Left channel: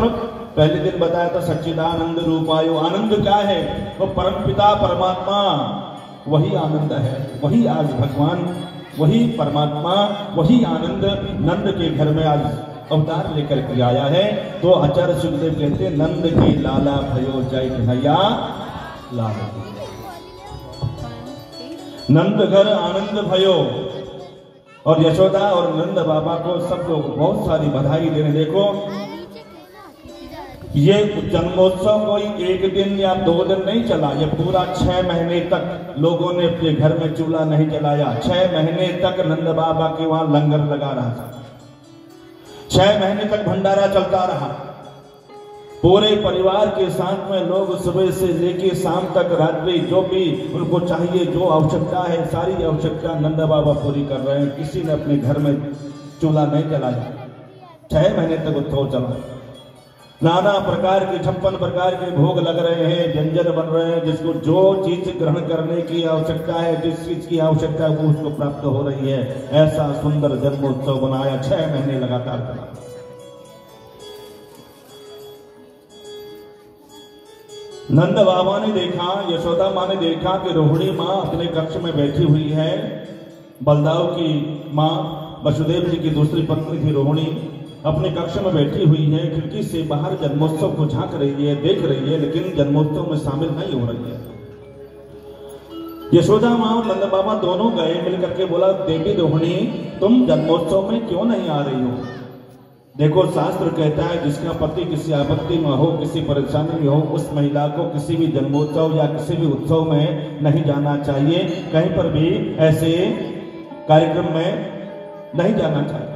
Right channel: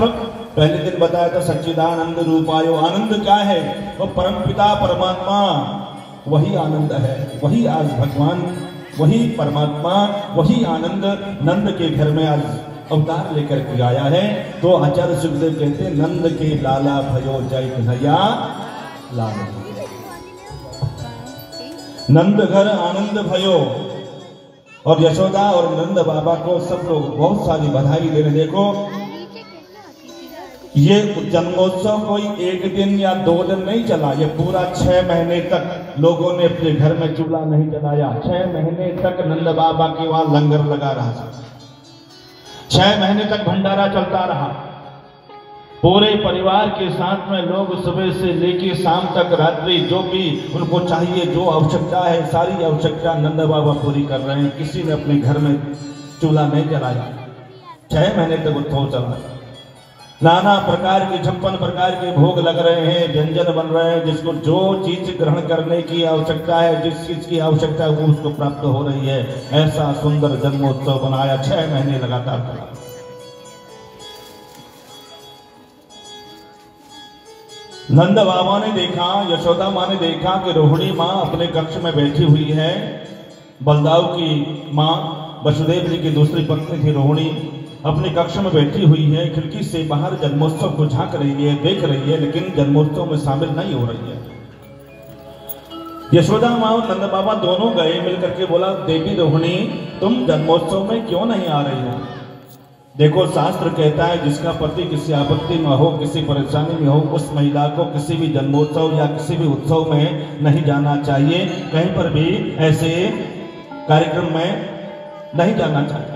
पहले दिन बताया था सच्चिदानंद रूपायो। आनंद क्या है? वो परम पिता परमात्मा, वही आनंद है। वही आज भगवान, वही परमात्मा, वही आनंद नंद के घर में आज अवतार लेकर के आया है। तो आचार्य सुखदेव कहते नंद के लाला भयो जय कन्हैया लाल। नंद घर आनंद भयो। और यशोदा और नंद बाबा को सब लोग बहुत सारी बधाई देने। देखो ये जन्मोत्सव कोई एक दिन या 2 दिन नहीं चला, ये पूरा 6 महीने तक लोगों ने अपने घर में चूल्हा नहीं जलाया। 6 महीने तक नंद बाबा के वहां लंगर लगा रहा था। 6 महीने तक भंडारा चलता रहा। पूरे परिवार के साथ में लोग सुबह से लेके शाम तक रात्रि जो भी उनको चाहिए, जो आवश्यकता है, सारी आवश्यकता नंद बाबा पूरी कर रहे हैं। किसी ने अपने घर में चूल्हा नहीं जलाया। 6 महीने तक उत्सव चला। नाना प्रकार के 56 प्रकार के भोग लग रहे हैं, व्यंजन बन रहे हैं। जिसको जो चीज ग्रहण करने की आवश्यकता है, जिस चीज की आवश्यकता है वो उसको प्राप्त हो रही है। ऐसा सुंदर जन्मोत्सव बनाया, 6 महीने लगातार चला। नंद बाबा ने देखा, यशोदा माँ ने देखा कि रोहिणी माँ अपने कक्ष में बैठी हुई है। बलदाव की माँ वसुदेव जी की दूसरी पत्नी थी रोहिणी, अपने कक्ष में बैठी हुई है। खिड़की से बाहर जन्मोत्सव को झांक रही है, देख रही है, लेकिन जन्मोत्सव में शामिल नहीं हो रही है। यशोदा माँ और नंद बाबा दोनों गए, मिलकर के बोला देवी रोहिणी तुम जन्मोत्सव में क्यों नहीं आ रही हो? देखो शास्त्र कहता है जिसका पति किसी आपत्ति में हो, किसी परेशानी में हो, उस महिला को किसी भी जन्मोत्सव या किसी भी उत्सव में नहीं जाना चाहिए। कहीं पर भी ऐसे कार्यक्रम में नहीं जाना चाहिए।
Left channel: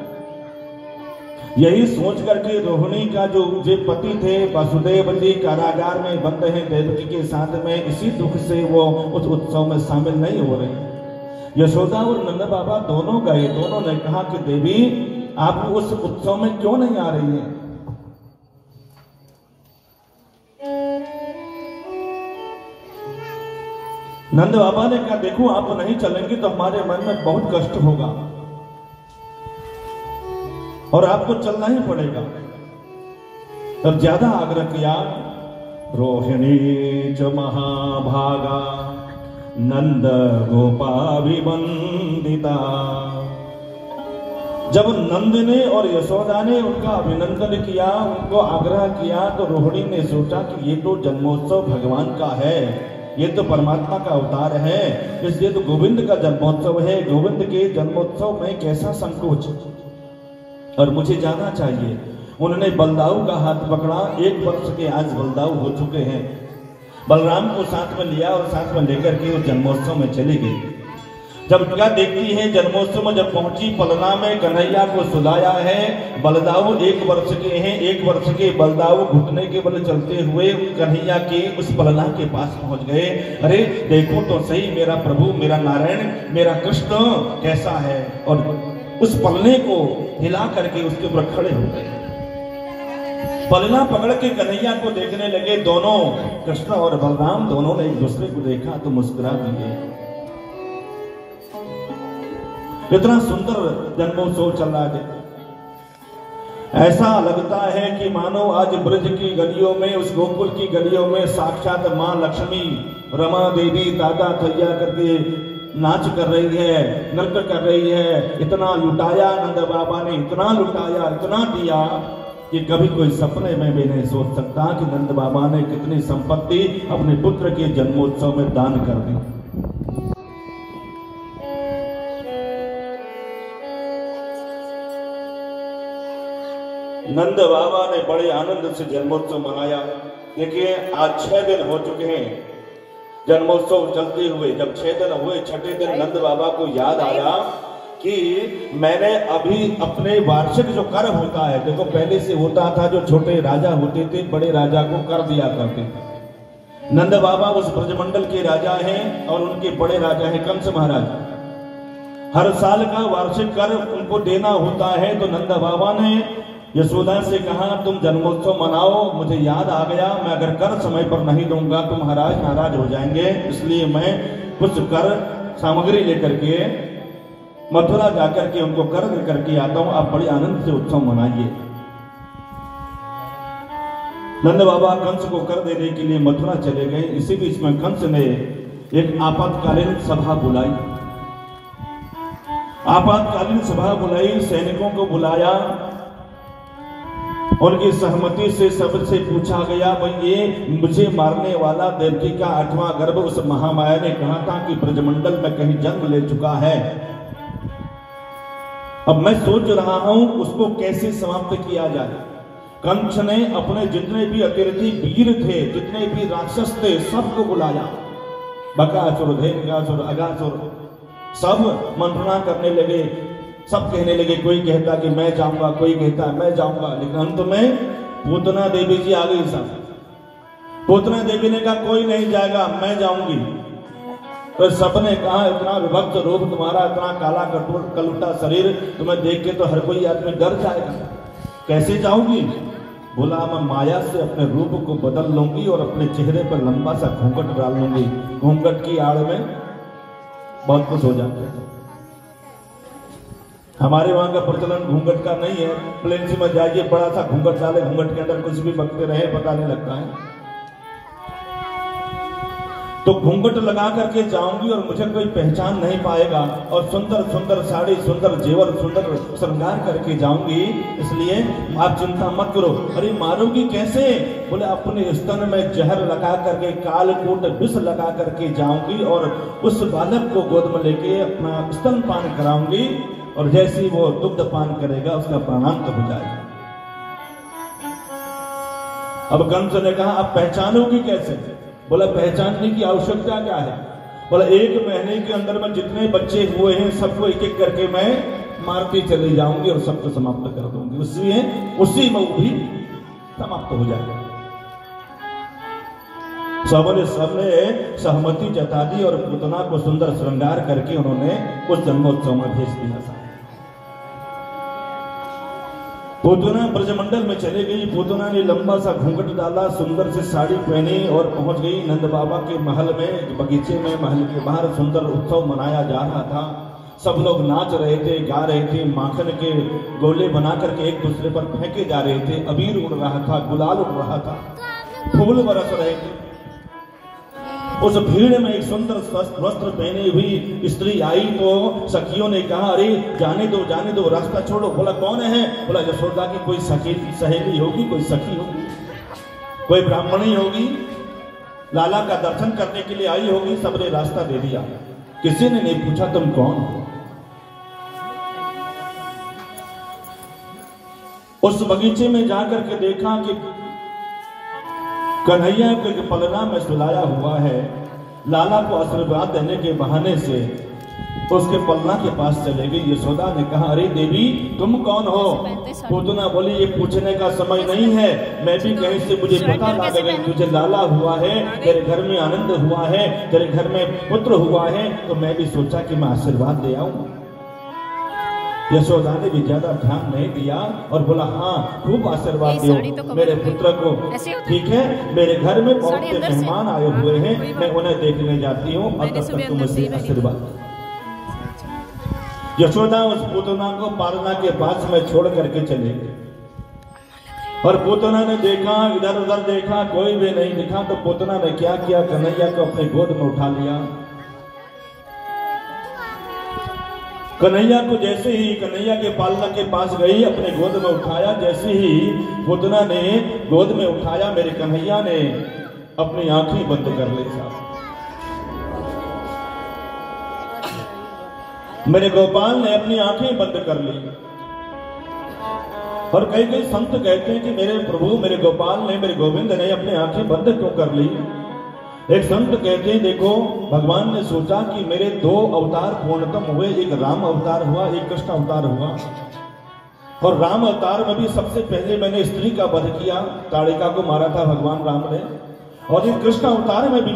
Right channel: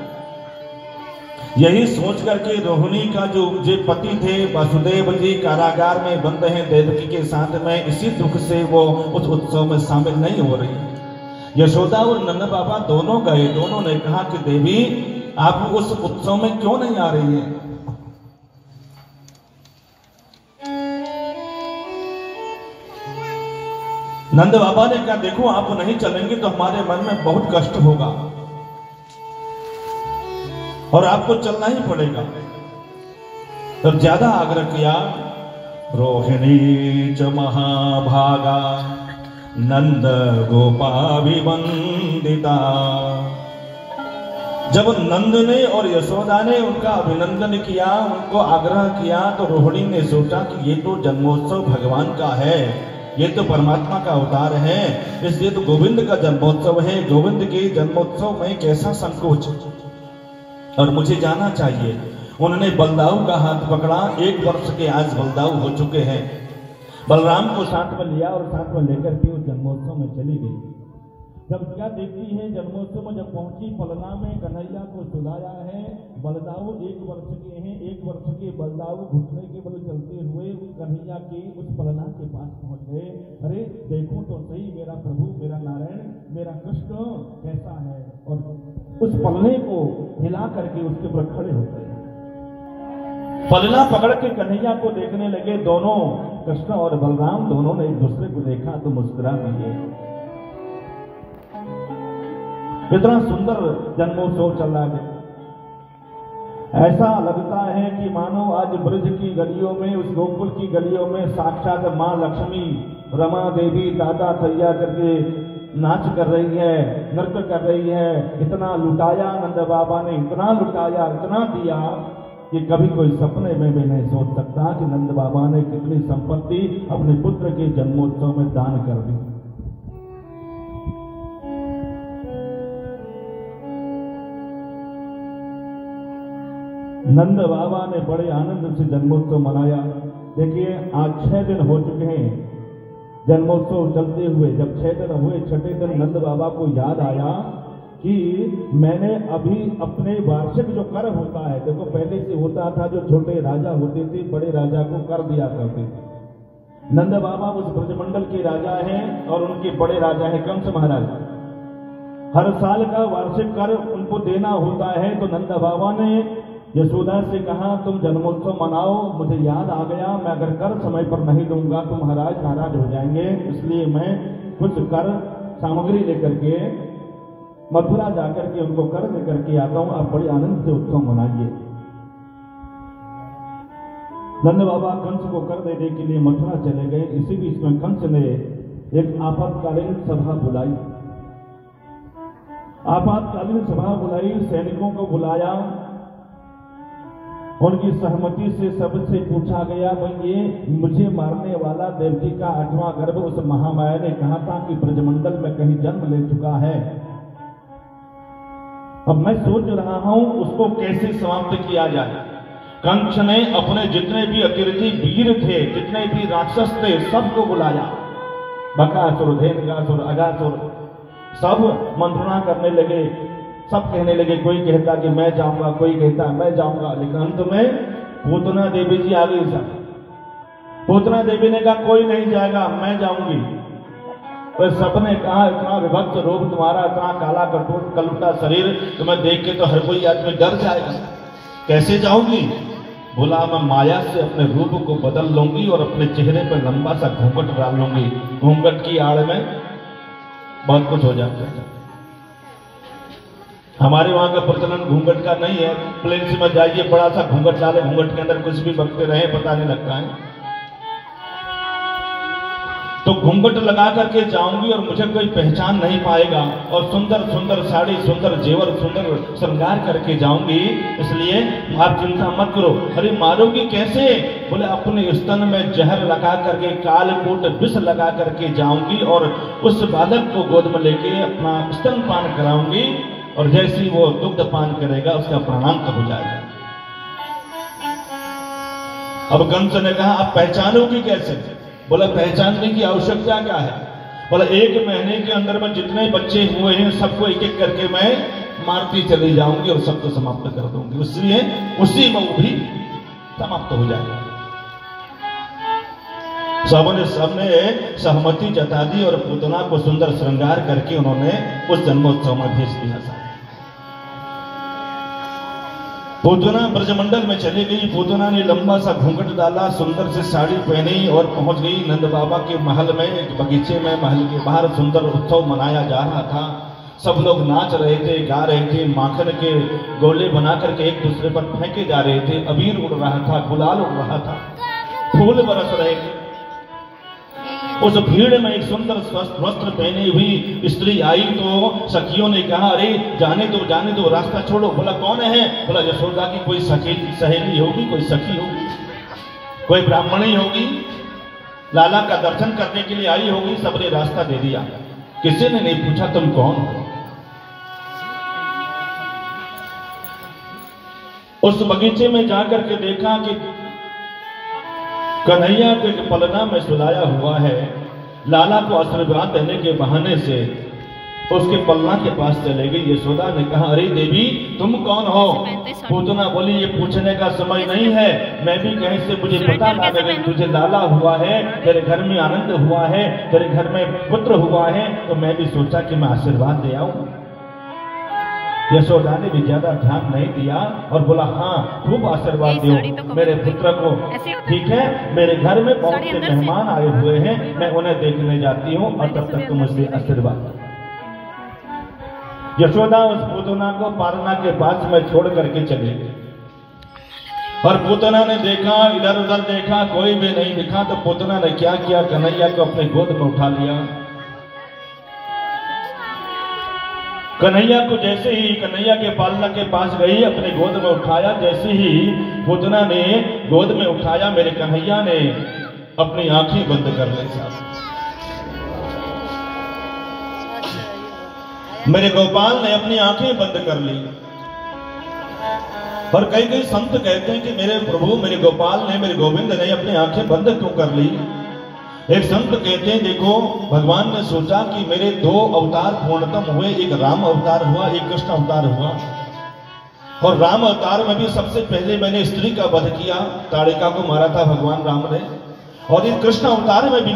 यही सोच करके रोहिणी का जो पति थे वसुदेव जी कारागार में बंद हैं देवकी के साथ में, इसी दुख से वो उस उत्सव में शामिल नहीं हो रही। यशोदा और नंद बाबा दोनों गए, दोनों ने कहा कि देवी आप उस उत्सव में क्यों नहीं आ रही है? नंद बाबा ने कहा देखो आप नहीं चलेंगे तो हमारे मन में बहुत कष्ट होगा और आपको चलना ही पड़ेगा। तो ज्यादा आग्रह किया। रोहिणी च महाभागा नंद गोपाभिवंदिता। जब नंद ने और यशोदा ने उनका अभिनंदन किया, उनको आग्रह किया, तो रोहिणी ने सोचा कि ये तो जन्मोत्सव भगवान का है, ये तो परमात्मा का अवतार है, इसलिए तो गोविंद का जन्मोत्सव है। गोविंद के जन्मोत्सव में कैसा संकोच, और मुझे जाना चाहिए। उन्होंने बलदाऊ का हाथ पकड़ा। 1 वर्ष के आज बलदाऊ हो चुके हैं। बलराम को साथ में लिया और साथ में लेकर के उस जन्मोत्सव में चली गई। जब क्या देखती है, जन्मोत्सव में जब पहुंची, पलना में कन्हैया को सुलाया है। बलदाऊ 1 वर्ष के हैं। 1 वर्ष के बलदाऊ घुटने के बल चलते हुए कन्हैया के उस पलना के पास पहुंच गए। अरे देखो तो सही मेरा प्रभु, मेरा नारायण, मेरा कृष्ण कैसा है। और उस पलने को हिला करके उसके ऊपर खड़े हो गए। पलना पकड़ के कन्हैया को देखने लगे। दोनों कृष्ण और बलराम दोनों ने एक दूसरे को देखा तो मुस्कुरा दिए। इतना सुंदर जन्मोत्सव चल रहा है। ऐसा लगता है कि मानो आज ब्रज की गलियों में, उस गोकुल की गलियों में साक्षात मां लक्ष्मी रमा देवी दादा थैया करके नाच कर रही है, नृत्य कर रही है। इतना लुटाया नंद बाबा ने, इतना लुटाया, इतना दिया कि कभी कोई सपने में भी नहीं सोच सकता कि नंद बाबा ने कितनी संपत्ति अपने पुत्र के जन्मोत्सव में दान कर दी। नंद बाबा ने बड़े आनंद से जन्मोत्सव मनाया। देखिए आज 6 दिन हो चुके हैं जन्मोत्सव चलते हुए। जब 6 दिन हुए, 6ठे दिन नंद बाबा को याद आया कि मैंने अभी अपने वार्षिक जो कर होता है, देखो पहले से होता था, जो छोटे राजा होते थे बड़े राजा को कर दिया करते थे। नंद बाबा उस ब्रजमंडल के राजा हैं और उनके बड़े राजा हैं कंस महाराज। हर साल का वार्षिक कर उनको देना होता है। तो नंद बाबा ने यशोदा से कहा तुम जन्मोत्सव मनाओ, मुझे याद आ गया मैं अगर कर समय पर नहीं दूंगा तो महाराज नाराज हो जाएंगे, इसलिए मैं कुछ कर सामग्री लेकर के मथुरा जाकर के उनको कर लेकर के आता हूं। आप बड़े आनंद से उत्सव मनाइए। नंद बाबा कंस को कर देने के लिए मथुरा चले गए। इसी बीच में कंस ने एक आपातकालीन सभा बुलाई। आपातकालीन सभा बुलाई, सैनिकों को बुलाया, उनकी सहमति से सबसे पूछा गया, भाई ये मुझे मारने वाला देवकी का 8वां गर्भ उस महामाया ने कहा था कि ब्रजमंडल में कहीं जन्म ले चुका है। अब मैं सोच रहा हूं उसको कैसे समाप्त किया जाए। कंस ने अपने जितने भी अतिरथी वीर थे, जितने भी राक्षस थे, सबको बुलाया। बकासुर, धेनुकासुर, अगासुर, सब मंत्रणा करने लगे। सब कहने लगे, कोई कहता कि मैं जाऊंगा, कोई कहता मैं जाऊंगा, लेकिन अंत में पूतना देवी जी आ गई। सब पूतना देवी ने कहा कोई नहीं जाएगा, मैं जाऊंगी। तो सबने कहा इतना विभक्त रूप तुम्हारा, इतना काला कलुटा शरीर, तुम्हें देख के तो हर कोई आदमी डर जाएगा, कैसे जाऊंगी? बोला मैं माया से अपने रूप को बदल लूंगी और अपने चेहरे पर लंबा सा घूंघट डाल लूंगी। घूंघट की आड़ में बहुत कुछ हो जाता है। हमारे वहां का प्रचलन घूंघट का नहीं है। प्लेन में जाइए, बड़ा सा घूंघट डाले, घूंघट के अंदर कुछ भी बकते रहे पता नहीं लगता है। तो घूंघट लगा करके जाऊंगी और मुझे कोई पहचान नहीं पाएगा, और सुंदर सुंदर साड़ी, सुंदर जेवर, सुंदर श्रृंगार करके जाऊंगी। इसलिए आप चिंता मत करो। अरे मारोगी कैसे? बोले अपने स्तन में जहर लगा करके, कालकूट विष लगा करके जाऊंगी और उस बालक को गोद में लेके अपना स्तन पान कराऊंगी, और जैसे ही वो दुग्ध पान करेगा उसका प्राणांत हो जाएगा। अब कंस ने कहा आप पहचानोगी कैसे? बोला पहचानने की आवश्यकता क्या है? बोला 1 महीने के अंदर में जितने बच्चे हुए हैं सबको एक एक करके मैं मारती चली जाऊंगी और सबको समाप्त कर दूंगी। इसलिए उसी में वो भी समाप्त हो जाएगा। सबने सहमति जता दी और पूतना को सुंदर श्रृंगार करके उन्होंने उस जन्मोत्सव में भेज दिया। पूतना ब्रजमंडल में चली गई। पूतना ने लंबा सा घूंघट डाला, सुंदर से साड़ी पहनी और पहुंच गई नंद बाबा के महल में। एक बगीचे में महल के बाहर सुंदर उत्सव मनाया जा रहा था। सब लोग नाच रहे थे, गा रहे थे, माखन के गोले बना करके एक दूसरे पर फेंके जा रहे थे। अबीर उड़ रहा था, गुलाल उड़ रहा था, फूल बरस रहे थे। उस भीड़ में एक सुंदर वस्त्र पहनी हुई स्त्री आई तो सखियों ने कहा अरे जाने दो, रास्ता छोड़ो। बोला कौन है? बोला यशोदा की कोई सहेली होगी, कोई सखी होगी, कोई ब्राह्मणी होगी, लाला का दर्शन करने के लिए आई होगी। सबने रास्ता दे दिया, किसी ने नहीं पूछा तुम कौन हो। उस बगीचे में जाकर के देखा कि कन्हैया के पलना में सुलाया हुआ है। लाला को आशीर्वाद देने के बहाने से उसके पलना के पास चले गई। यशोदा ने कहा अरे देवी तुम कौन हो? पूतना बोली ये पूछने का समय नहीं है, मैं भी कहीं से मुझे पता ना लगे। तुझे लाला हुआ है, तेरे घर में आनंद हुआ है, तेरे घर में पुत्र हुआ है, तो मैं भी सोचा कि मैं आशीर्वाद दे आऊं। यशोदा ने भी ज्यादा ध्यान नहीं दिया और बोला हाँ खूब आशीर्वाद दो मेरे पुत्र को। ठीक है, मेरे घर में बहुत से मेहमान आए हुए हैं, मैं उन्हें देखने जाती हूँ और तब तक तुम मुझे आशीर्वाद। यशोदा उस पूतना को पारना के पास में छोड़ करके चली गई। और पूतना ने देखा, इधर उधर देखा, कोई भी नहीं दिखा। तो पूतना ने क्या किया, कन्हैया को अपने गोद में उठा लिया। कन्हैया को जैसे ही कन्हैया के पालना के पास गई, अपने गोद में उठाया। जैसे ही पूतना ने गोद में उठाया, मेरे कन्हैया ने अपनी आंखें बंद कर ली। मेरे गोपाल ने अपनी आंखें बंद कर ली। और कई संत कहते हैं कि मेरे प्रभु, मेरे गोपाल ने, मेरे गोविंद ने अपनी आंखें बंद क्यों कर ली? एक संत कहते हैं देखो भगवान ने सोचा कि मेरे 2 अवतार पूर्णतम हुए, एक राम अवतार हुआ, एक कृष्ण अवतार हुआ। और राम अवतार में भी सबसे पहले मैंने स्त्री का वध किया, ताड़िका को मारा था भगवान राम ने। और इस कृष्ण अवतार में भी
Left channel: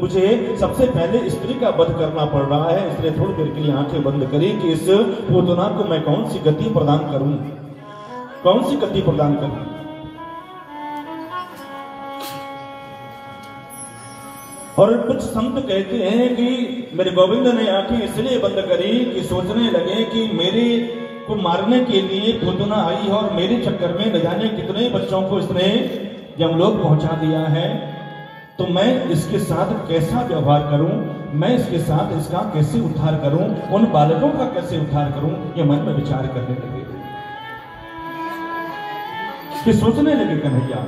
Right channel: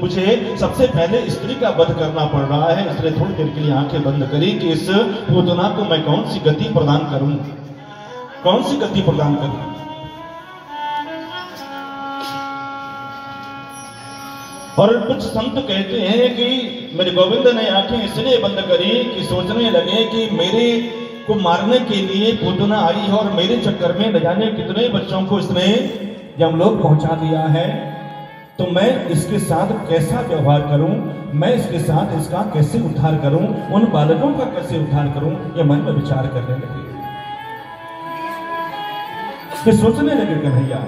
मुझे सबसे पहले स्त्री का वध करना पड़ रहा है। इसलिए थोड़ी देर के लिए आंखें बंद करी कि इस पूतना को मैं कौन सी गति प्रदान करूं, कौन सी गति प्रदान करूं। और कुछ संत कहते हैं कि मेरे गोविंद ने आंखें इसलिए बंद करी कि सोचने लगे कि मेरे को मारने के लिए पूतना आई है और मेरे चक्कर में न जाने कितने बच्चों को इसने यमलोक पहुंचा दिया है, तो मैं इसके साथ कैसा व्यवहार करूं, मैं इसके साथ इसका कैसे उद्धार करूं, उन बालकों का कैसे उद्धार करूं, ये मन में विचार करने लगे, कि सोचने लगे कन्हैया।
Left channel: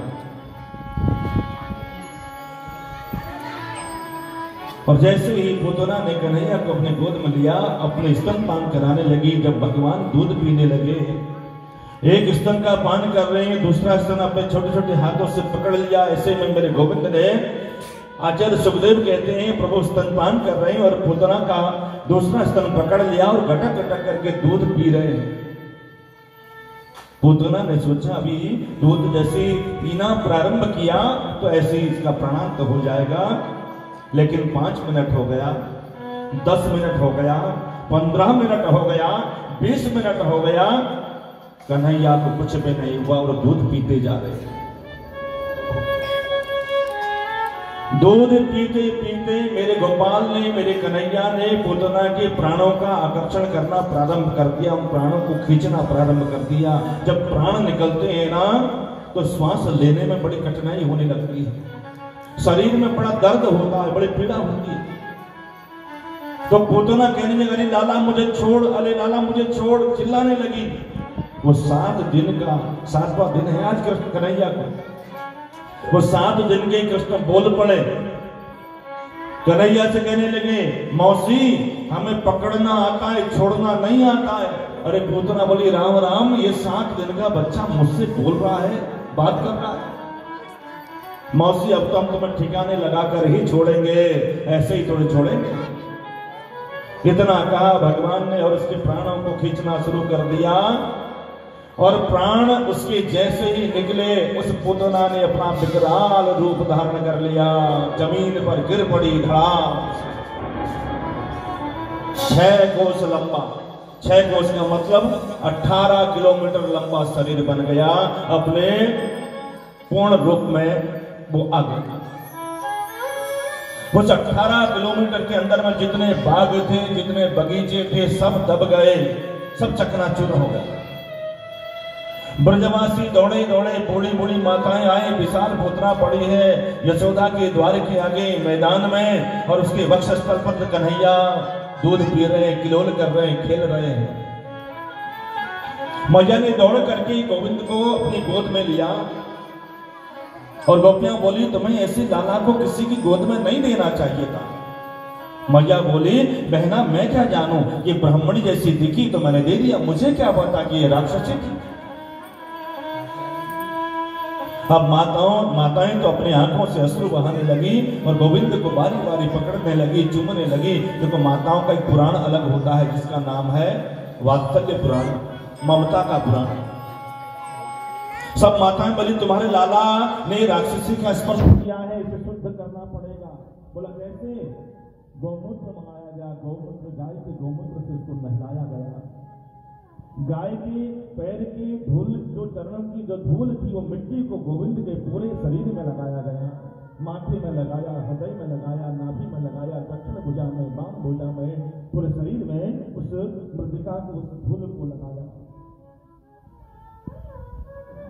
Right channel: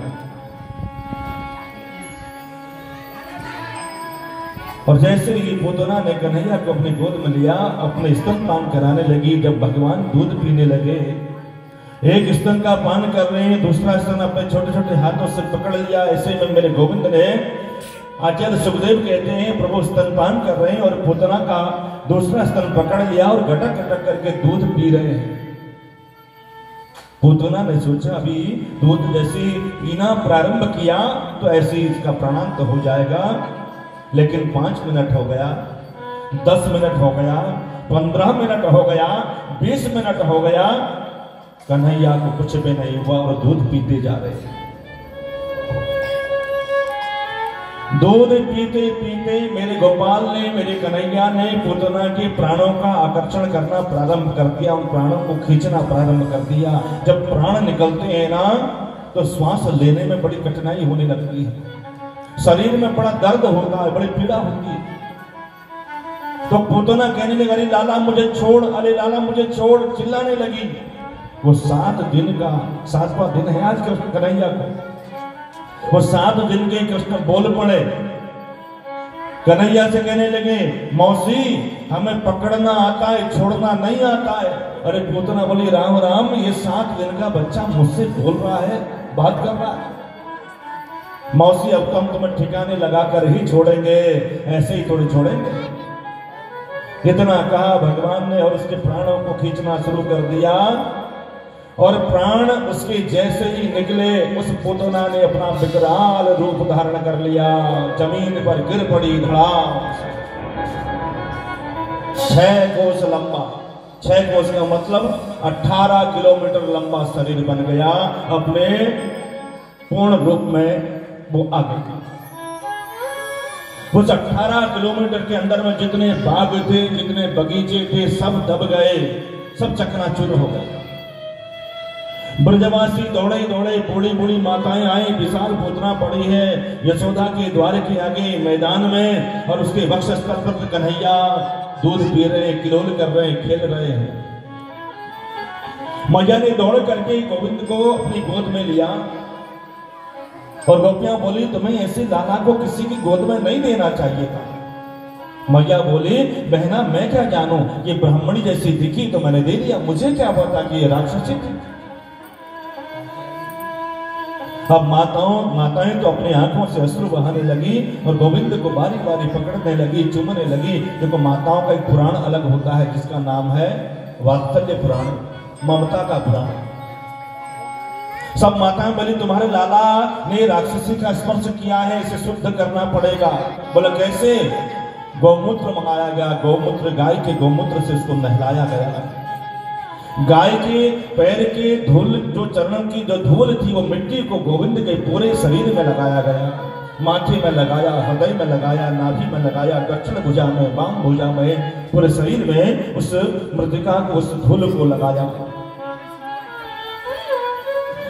और जैसे ही पूतना ने कन्हैया को अपने गोद में लिया, अपने स्तनपान कराने लगी। जब भगवान दूध पीने लगे, एक स्तन का पान कर रहे हैं, दूसरा स्तन अपने छोटे छोटे हाथों से पकड़ लिया। ऐसे में मेरे गोविंद ने, आचार्य सुखदेव कहते हैं, प्रभु स्तनपान कर रहे हैं और पूतना का दूसरा स्तन पकड़ लिया और गटक गटक करके दूध पी रहे हैं। पूतना ने सोचा अभी दूध जैसे पीना प्रारंभ किया तो ऐसे ही इसका प्राणांत हो जाएगा। लेकिन 5 मिनट हो गया, 10 मिनट हो गया, 15 मिनट हो गया, 20 मिनट हो गया, कन्हैया को कुछ भी नहीं हुआ और दूध पीते जा रहे हैं। दूध पीते पीते मेरे गोपाल ने, मेरे कन्हैया ने पूतना के प्राणों का आकर्षण करना प्रारंभ कर दिया, उन प्राणों को खींचना प्रारंभ कर दिया। जब प्राण निकलते हैं ना, तो श्वास लेने में बड़ी कठिनाई होने लगती है, शरीर में बड़ा दर्द होता है, बड़ी पीड़ा होती है। तो पूतना कहने लगी, अरे लाला मुझे छोड़, अरे लाला मुझे छोड़, चिल्लाने लगी। वो 7 दिन का 7वां दिन है आज कृष्ण कन्हैया को। वो 7 दिन के कृष्ण बोल पड़े, कन्हैया से कहने लगे, मौसी हमें पकड़ना आता है, छोड़ना नहीं आता है। अरे पूतना बोली, राम राम, ये 7 दिन का बच्चा मुझसे बोल रहा है, बात कर रहा है। मौसी अब तो हम तुम्हें ठिकाने लगाकर ही छोड़ेंगे, ऐसे ही थोड़ी छोड़ेंगे। इतना कहा भगवान ने और उसके प्राणों को खींचना शुरू कर दिया। और प्राण उसके जैसे ही निकले, उस पूतना ने अपना विकराल रूप धारण कर लिया, जमीन पर गिर पड़ी धड़ाम। 6 कोस लंबा, 6 कोस का मतलब 18 किलोमीटर लंबा शरीर बन गया, अपने पूर्ण रूप में वो आ गया। उस 18 किलोमीटर के अंदर में जितने बाग थे, जितने बगीचे थे, सब दब गए, सब चकनाचूर हो गए। ब्रजवासी दौड़े दौड़े, बूढ़ी बूढ़ी माताएं आए, विशाल पूतना पड़ी है यशोदा के द्वार के आगे मैदान में, और उसके वक्षस्थल पर कन्हैया दूध पी रहे, किलोल कर रहे, खेल रहे हैं। मैया ने दौड़ करके गोविंद को अपनी गोद में लिया और गोपियां बोली, तुम्हें ऐसे लाला को किसी की गोद में नहीं देना चाहिए था। मैया बोली, बहना मैं क्या जानूं, ये ब्राह्मणी जैसी दिखी तो मैंने दे दिया, मुझे क्या पता कि ये राक्षसी थी। अब माताएं तो अपनी आंखों से अश्रु बहाने लगी और गोविंद को बारी बारी पकड़ने लगी, चूमने लगी। देखो माताओं का एक पुराण अलग होता है जिसका नाम है वात्सल्य पुराण, ममता का पुराण। सब माताएं बोली, तुम्हारे लाला ने राक्षसी का स्पर्श किया है, इसे शुद्ध करना पड़ेगा। बोले कैसे? गौमूत्र मंगाया गया, गौमूत्र, गाय के गौमूत्र से इसको नहलाया गया। गाय के पैर के धूल, जो चरणों की जो धूल थी, वो मिट्टी को गोविंद के पूरे शरीर में लगाया गया, माथे में लगाया, हृदय में लगाया, नाभि में लगाया, दक्षिण भुजा में, वाम भुजा में, पूरे शरीर में उस मृतिका को, उस धूल को लगाया।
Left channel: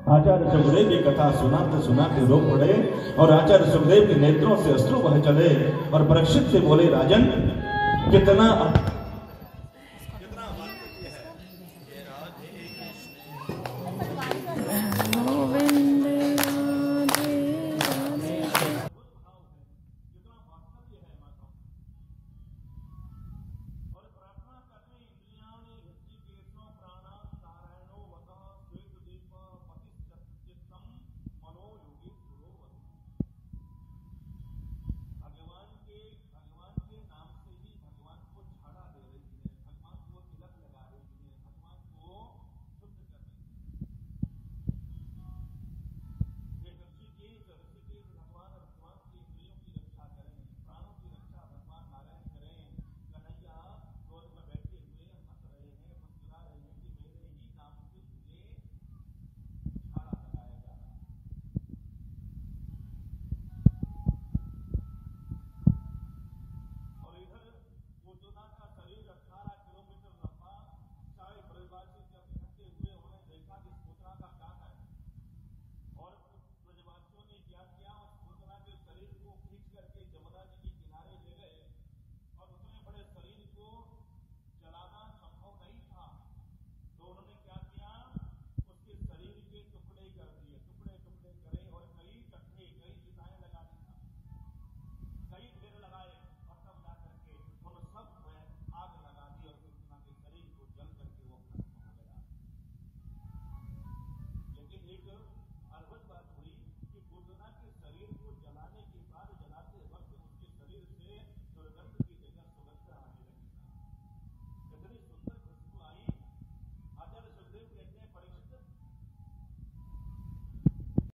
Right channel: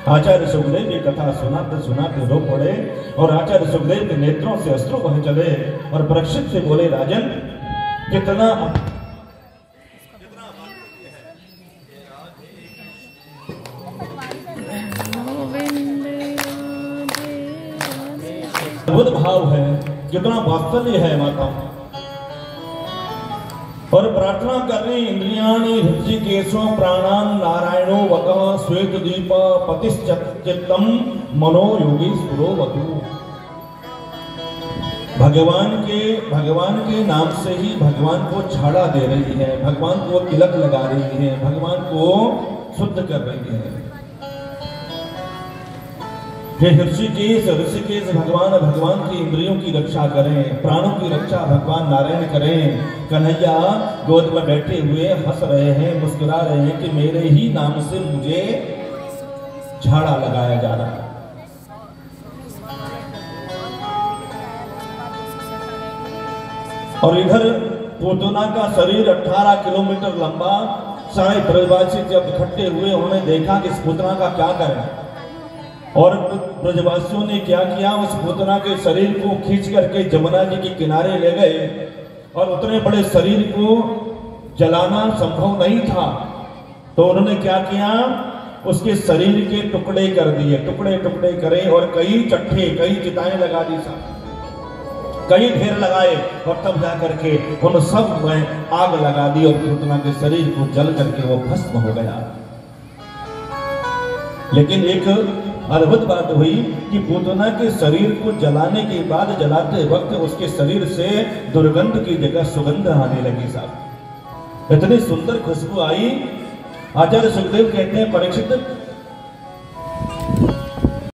आचार्य सुखदेव की कथा सुनाते सुनाते रो पड़े और आचार्य सुखदेव के नेत्रों से अश्रु बह चले और परीक्षित से बोले, राजन कितना अद्भुत भाव है, कितना वात्सल्य है माता। और प्रार्थना कर रहे, इंद्रियाणि हृषिकेशो प्राणान नारायणो वकः श्वेत दीप पतिश्चित्तम मनो योगीश्वरो वतु। भगवान के नाम से ही भगवान को छाड़ा दे रही है, भगवान को तिलक लगा रही है, भगवान को शुद्ध कर रही है। ऋषिकेश भगवान की इंद्रियों की रक्षा करें, प्राणों की रक्षा भगवान नारायण करें। कन्हैया गोद में बैठे हुए हंस रहे हैं, मुस्कुरा रहे हैं कि मेरे ही नाम से मुझे झाड़ा लगाया जा रहा है। और इधर पूतना का शरीर 18 किलोमीटर लंबा। सारे ब्रजवासी जब इकट्ठे हुए, उन्होंने देखा कि इस पूतना का क्या करें। और ब्रजवासियों ने क्या किया, उस पूतना के शरीर को खींच करके जमुना जी के किनारे ले गए और उतने बड़े शरीर को जलाना संभव नहीं था, तो उन्होंने क्या किया, उसके शरीर के टुकड़े कर दिए, टुकड़े टुकड़े करे और कई चट्टे कई चिताएं लगा दी, साहब कई ढेर लगाए और तब जा करके उन सब में आग लगा दी और पूतना के शरीर को जल करके वो भस्म हो गया। लेकिन एक अद्भुत बात हुई कि पूतना के शरीर को जलाने के बाद, जलाते वक्त उसके शरीर से दुर्गंध की जगह सुगंध आने लगी साहब। इतनी सुंदर खुशबू आई। आचार्य सुखदेव कहते हैं, परीक्षित